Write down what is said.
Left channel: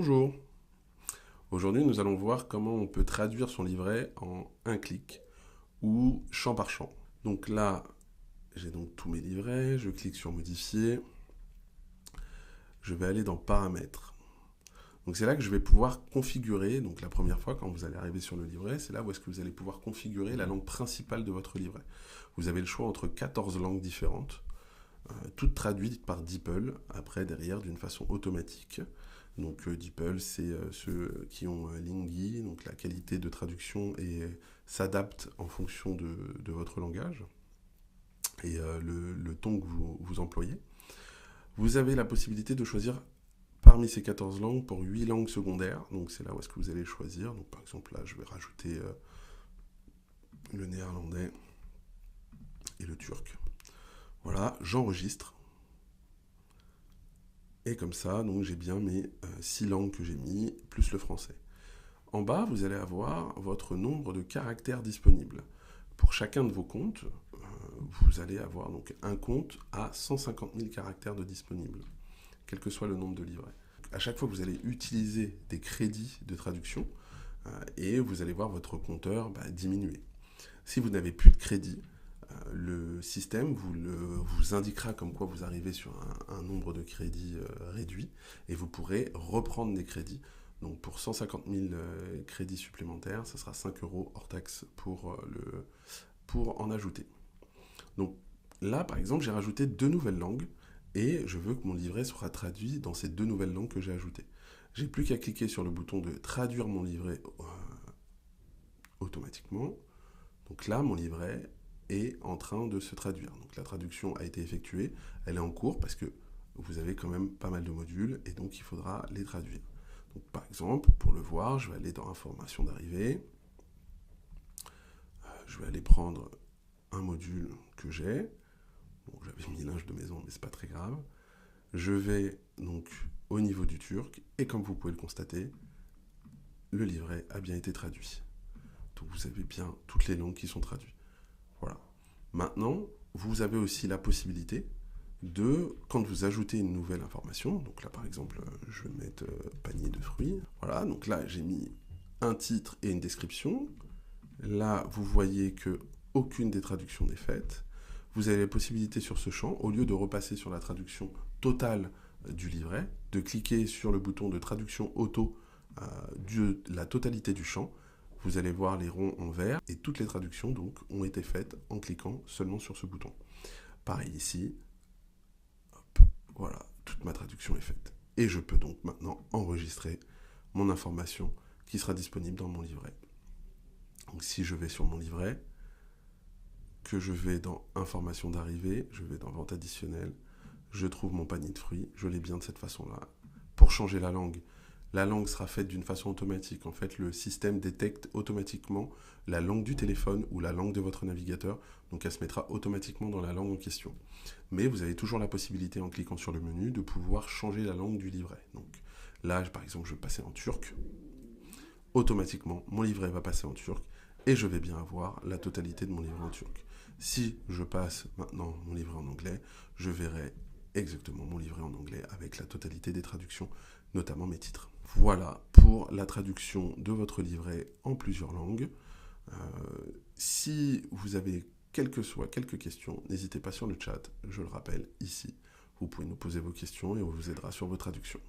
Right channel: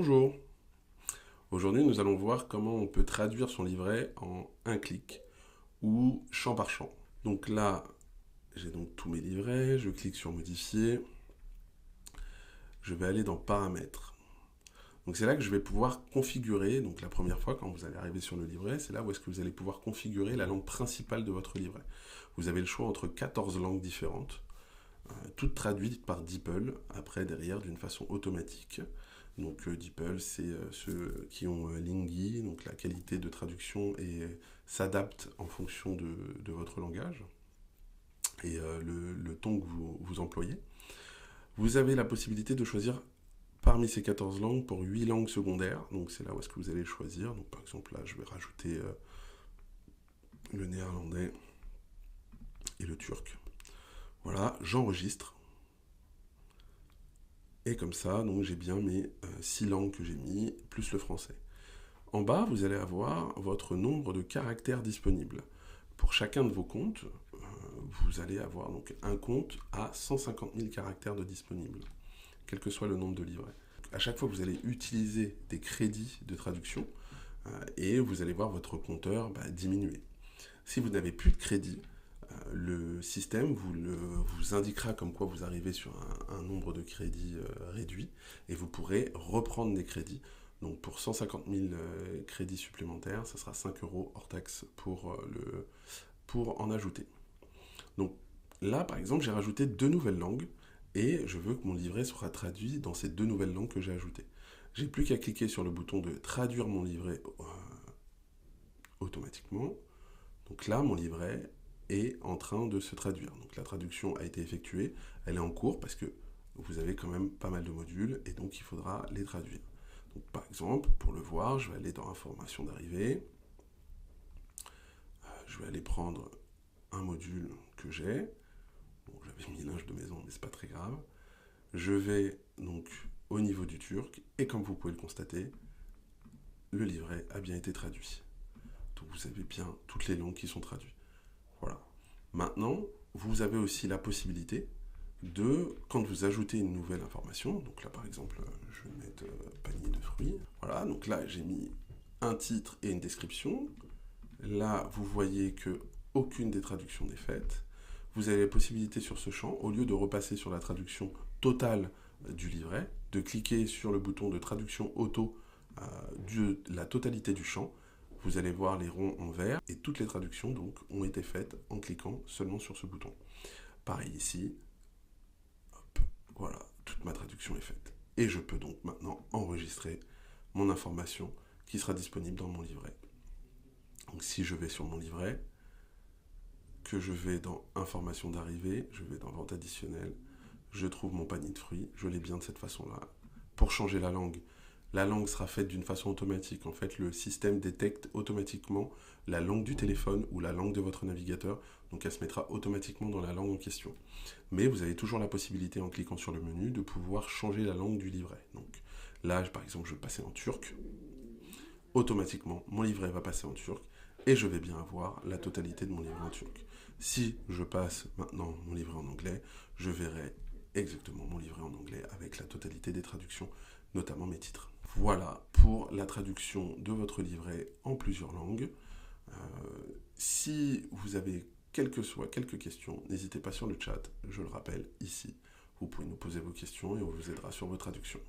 Bonjour, aujourd'hui nous allons voir comment on peut traduire son livret en un clic ou champ par champ. Donc là, j'ai donc tous mes livrets, je clique sur modifier, je vais aller dans paramètres. Donc c'est là que je vais pouvoir configurer, donc la première fois quand vous allez arriver sur le livret, c'est là où est-ce que vous allez pouvoir configurer la langue principale de votre livret. Vous avez le choix entre 14 langues différentes, toutes traduites par DeepL, après derrière d'une façon automatique. Donc DeepL, c'est ceux qui ont Lingui, donc la qualité de traduction s'adapte en fonction de votre langage et le ton que vous employez. Vous avez la possibilité de choisir parmi ces 14 langues pour 8 langues secondaires. Donc c'est là où est-ce que vous allez choisir. Donc par exemple là, je vais rajouter le néerlandais et le turc. Voilà, j'enregistre. Et comme ça, donc j'ai bien mes 6 langues que j'ai mis, plus le français. En bas, vous allez avoir votre nombre de caractères disponibles. Pour chacun de vos comptes, vous allez avoir donc un compte à 150 000 caractères de disponibles, quel que soit le nombre de livrets. À chaque fois, vous allez utiliser des crédits de traduction et vous allez voir votre compteur diminuer. Si vous n'avez plus de crédit, le système vous indiquera comme quoi vous arrivez sur un nombre de crédits réduit et vous pourrez reprendre des crédits. Donc pour 150 000 crédits supplémentaires, ça sera 5 euros hors taxe pour en ajouter. Donc là, par exemple, j'ai rajouté 2 nouvelles langues et je veux que mon livret soit traduit dans ces 2 nouvelles langues que j'ai ajoutées. J'ai plus qu'à cliquer sur le bouton de traduire mon livret automatiquement. Donc là, mon livret est en train de se traduire. Donc la traduction a été effectuée, elle est en cours parce que vous avez quand même pas mal de modules et donc il faudra les traduire. Donc par exemple, pour le voir, je vais aller dans Information d'arrivée. Je vais aller prendre un module que j'ai. Bon, j'avais mis linge de maison, mais c'est pas très grave. Je vais donc au niveau du turc et comme vous pouvez le constater, le livret a bien été traduit. Donc vous avez bien toutes les langues qui sont traduites. Voilà. Maintenant, vous avez aussi la possibilité de, quand vous ajoutez une nouvelle information, donc là par exemple, je vais mettre panier de fruits. Voilà, donc là j'ai mis un titre et une description. Là, vous voyez que aucune des traductions n'est faite. Vous avez la possibilité sur ce champ, au lieu de repasser sur la traduction totale du livret, de cliquer sur le bouton de traduction auto de la totalité du champ. Vous allez voir les ronds en vert et toutes les traductions donc ont été faites en cliquant seulement sur ce bouton. Pareil ici, hop, voilà, toute ma traduction est faite. Et je peux donc maintenant enregistrer mon information qui sera disponible dans mon livret. Donc si je vais sur mon livret, que je vais dans Information d'arrivée, je vais dans Vente additionnelle, je trouve mon panier de fruits, je l'ai bien de cette façon-là. Pour changer la langue sera faite d'une façon automatique. En fait, le système détecte automatiquement la langue du téléphone ou la langue de votre navigateur, donc elle se mettra automatiquement dans la langue en question. Mais vous avez toujours la possibilité, en cliquant sur le menu, de pouvoir changer la langue du livret. Donc là, par exemple, je vais passer en turc. Automatiquement, mon livret va passer en turc et je vais bien avoir la totalité de mon livret en turc. Si je passe maintenant mon livret en anglais, je verrai exactement mon livret en anglais avec la totalité des traductions, notamment mes titres. Voilà pour la traduction de votre livret en plusieurs langues. Si vous avez quelques questions, n'hésitez pas sur le chat, je le rappelle ici. Vous pouvez nous poser vos questions et on vous aidera sur vos traductions.